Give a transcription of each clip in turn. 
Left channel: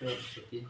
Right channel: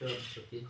Rồi, sửa tin.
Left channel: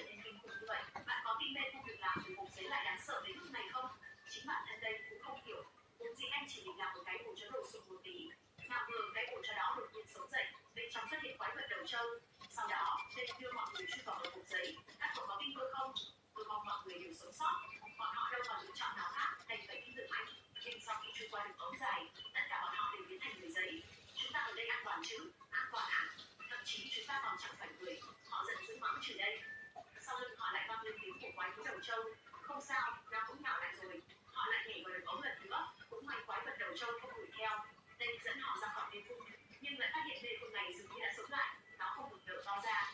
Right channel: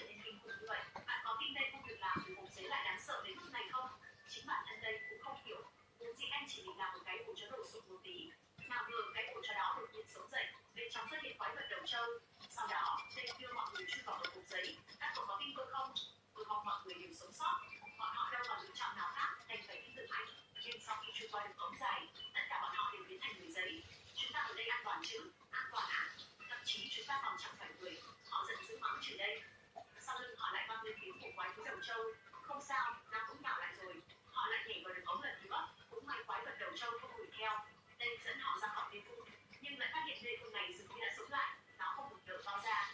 trở nên kinh khủng như vậy. Bạn có tin mê không việc làm từ bột giấy lại đáng sợ đến mức này không? Chính bản thân đây cũng không hiểu. Vốn dĩ anh chỉ định làm một cái ổ chứa đồ sụp một tí. Nào ngờ cái ổ chứa đó đột nhiên sống dậy, bên trong xuất hiện quái vật đầu trâu. Sau đó, tên đưa mọi người chui vào một hộp giấy. Các cậu có tin tôi không? Tôi mong mọi người đều sống sót. Bọn họ đâu còn lựa chọn nào khác đành phải tin tưởng anh. Nhưng sau khi chui qua được ống dài, tất cả bọn họ đều biến thành người giấy. Chúng ta ở đây an toàn chứ? An toàn à? Thậm chí chúng ta còn chẳng phải người. Họ giận dữ mắng chửi đây. Sau lưng họ lại vang lên tiếng của quái thú đầu trâu. Không sao, nó cũng nhỏ lại rồi. Họ lại nhảy vào đường ống lần nữa. Cũng may quái vật đầu trâu không đuổi theo. Tên dẫn họ ra khỏi mê cung, nhưng lại phát hiện mê cung này dường như đã sống lại. Nó không ngừng nở to ra.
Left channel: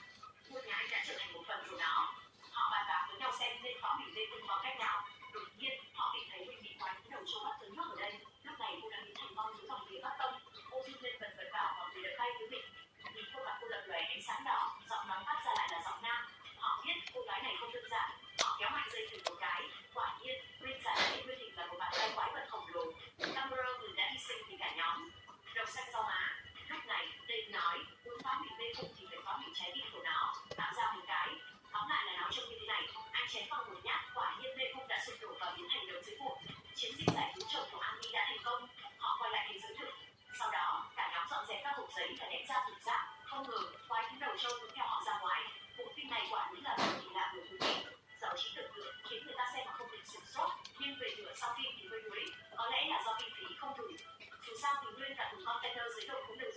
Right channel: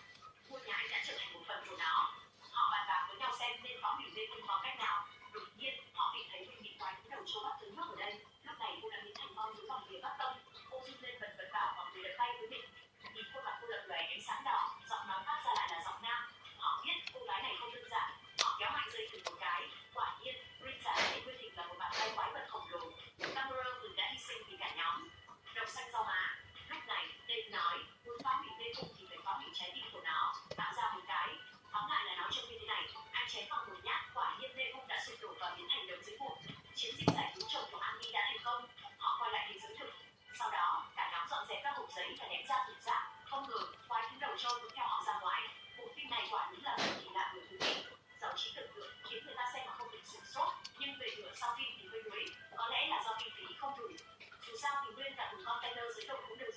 Ngôi nhà anh đã trở thành một phần của nó. Họ bàn bạc với nhau xem nên phá hủy mê cung bằng cách nào. Đột nhiên, họ tìm thấy mình bị quái thú đầu trâu bắt cứng nhắc ở đây. Lúc này cô đã biến thành con dưới dòng phía bắc tông. Cô run lên bần bật bảo mọi người đập tay với mình. Nhìn khuôn mặt cô lập lòe ánh sáng đỏ, giọng nói phát ra lại là giọng nam. Họ biết cô gái này không đơn giản. Họ kéo mạnh dây thừng một cái. Quả nhiên, Green giả hiện nguyên hình là một bàn tay quái vật khổng lồ. Cameron đã hy sinh vì cả nhóm. Đầu xanh rau má. Lúc này, tên nói, muốn phá hủy mê cung thì phải phá hủy trái tim của nó, tạo ra một cái. Tóm lại là nó trông như thế này. Anh chém vào một nhát, quả nhiên mê cung đã sụp đổ và biến thành đống dưới vụn. Chiến dịch giải cứu chồng của Annie đã thành công. Họ quay lại thế giới thực. Sau đó, cả nhóm dọn dẹp các hộp giấy và ném ra thùng rác. Không ngờ, quái thú đầu trâu cũng theo họ ra ngoài. Bộ phim này quả đúng là một kỳ lạ của thú vị. Giàu trí tưởng tượng khiến người ta xem mà không bị sửng sốt. Nhưng về nửa sau phim thì hơi đuối. Có lẽ là do kinh phí không đủ. Dù sao thì Nguyên là thùng container dưới đầu cũng đều